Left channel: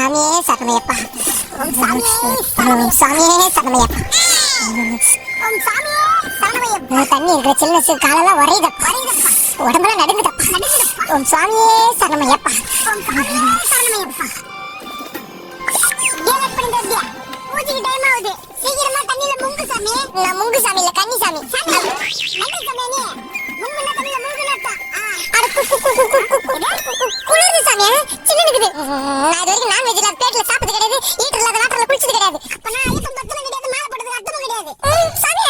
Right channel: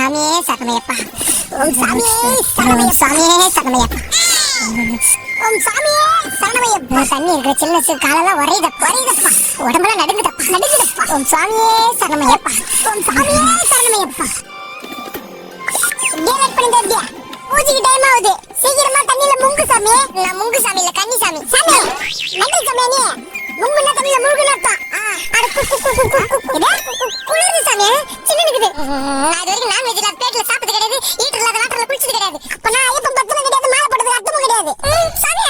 சாமியே சரணமையப்பா. ஓம் சாமியே சரணமையப்பா. ஓம் சாமியே சரணமையப்பா. தண்ணி இருக்கிற சில்னஸ் காலெல்லாம் வரையுதப்பா. உடம்பெல்லாம் நடுங்குதப்பா. ஓம் சாமியே சரணமையப்பா. ஓம் சாமியே சரணமையப்பா. கேட் பண்ணிட்டே பூஜைக்கு டைம் ஆகுது. சீக்கிரமா தண்ணில முங்கு சாமி. நான் முங்கு சாமி இல்ல கன்னி சாமி. சாமி நல்ல சாமி நீ முங்குன தண்ணில முழுகுனப்பா. அட குளிரு சாமி சின்ன இருக்குது. நான் இது வரைக்கும் நான் வெஜ் பிளேட்ல சாப்பிட்டது கிடையாது. ஈட்டர்ல வாட்டர்ல குளிச்சது கிடையாது. அப்ப நான் ஐயப்பன் பக்தனும் கிடையாது. மாலை போட்டதுக்கு அர்த்தமும் கிடையாது. சாமி